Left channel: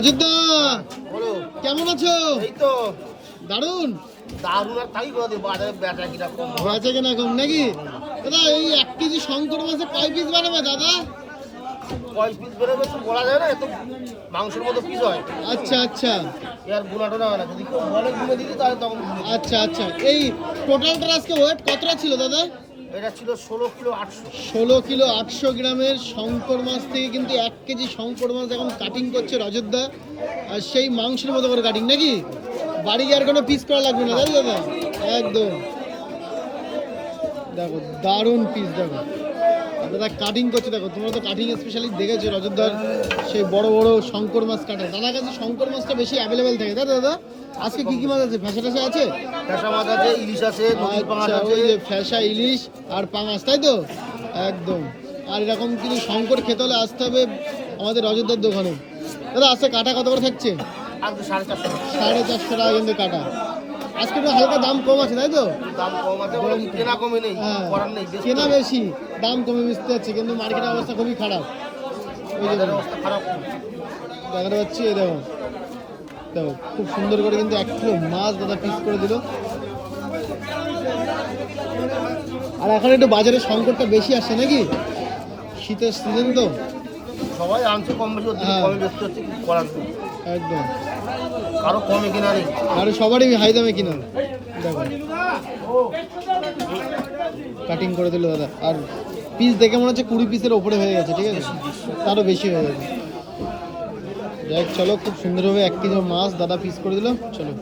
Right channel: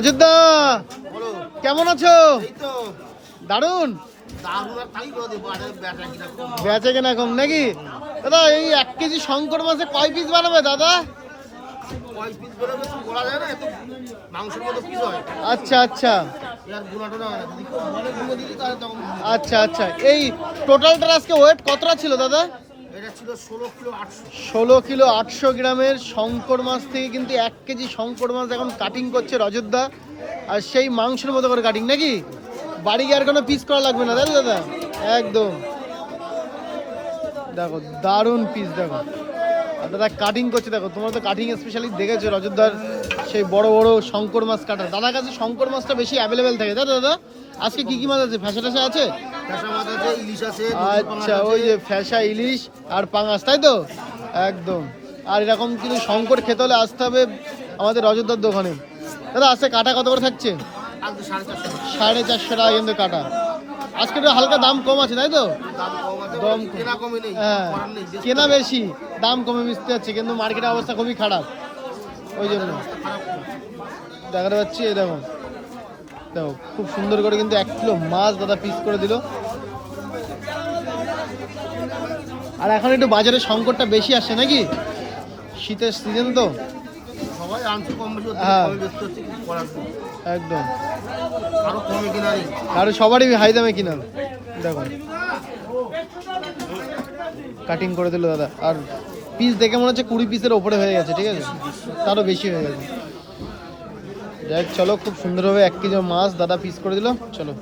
অযোধ্যা বলো কেমন আছো? দারুণ বেচা কিনা কম। নাকি? দাদা এই এক কেজি শঙ্কর কয় পিস বানাবে দাদা? আচ্ছা আচ্ছা। আচ্ছা আচ্ছা। এই টোটালটার আজকে ওয়েট কতটা ছিল দাদা? এটা ছিল ষোলো কিলো আটশো। ষোলো কিলো আটশো গ্রামের শঙ্কর মাছ থেকে কিন্তু এক কেজি শঙ্কর মাছ এখন কাটিং করছে রজতদা। আর সেই মাংসের মতো করে কাটিং নাকি? বাড়ি গিয়ে আর কোনো পিস করা লাগবে না দাদা দাদা? একদম। দেখো, দারুণ পিস দেখো। দাদা কাটিং করছে দেখো তোমরা তো কাটিং স্পেশালি দেখেছ রজতদার সেই বড় বড় শঙ্কর মাছ কাটা দাদার কাছে শঙ্কর মাছটা বেশি অ্যাভেলেবেল থাকে তাই দাদা? আজকে কি কি মাছ আছে? ফ্যাসা ট্যাসা আছে? পেশা মাছ আছে ইলিশ আছে আচ্ছা ওই যে ফ্যাসা ইলিশ আর পাঙাশ তাই তো? একদম। আর এরকম কিন্তু শঙ্কর খেতে হলে আসতে হবে আমাদের রজতদার দোকানে। দাদা আজকে কাটা কত করে থাকছে? সাড়ে চারশো টাকা কিন্তু কাটা। আজকে একটু হালকা দাম কম আছে তাই তো? দাম কম আছে কেনা কমে নেই হ্যাঁ করার নেই কেনা বেশি দাম কমে মিশতে যাচ্ছে কিন্তু মার্কেটের অবস্থা খুবই খারাপ। ওই যে বাজারের অবস্থা খারাপ দেখাতে পাচ্ছি এই দেখো। দেখো খুব সুন্দর করে কিন্তু এক কিলো মাছ দাদা পিস করে দিল। আর এখন একটু বাজারে সংকটটা বেশি আসছে নাকি? শীতের সিজন তো। সবাই আনছে কম বেশি হ্যাঁ। কমে ব্যস্ত হচ্ছে কিছু করার একদম। কারও কমে কেনা নেই। আর সবারই হাই দামে কিনা দেখো। কাটিং করে দিল দাদা। আর পিস দেখে মনে হচ্ছে কুড়ি পিসের ওপরে হয়ে গেছে ঠিক আছে? তারও বেশি হয়ে গেছে। যাই চলো খুব সুন্দরভাবে এক কেজি মাছ দাদা পিস করে দিল। চলো।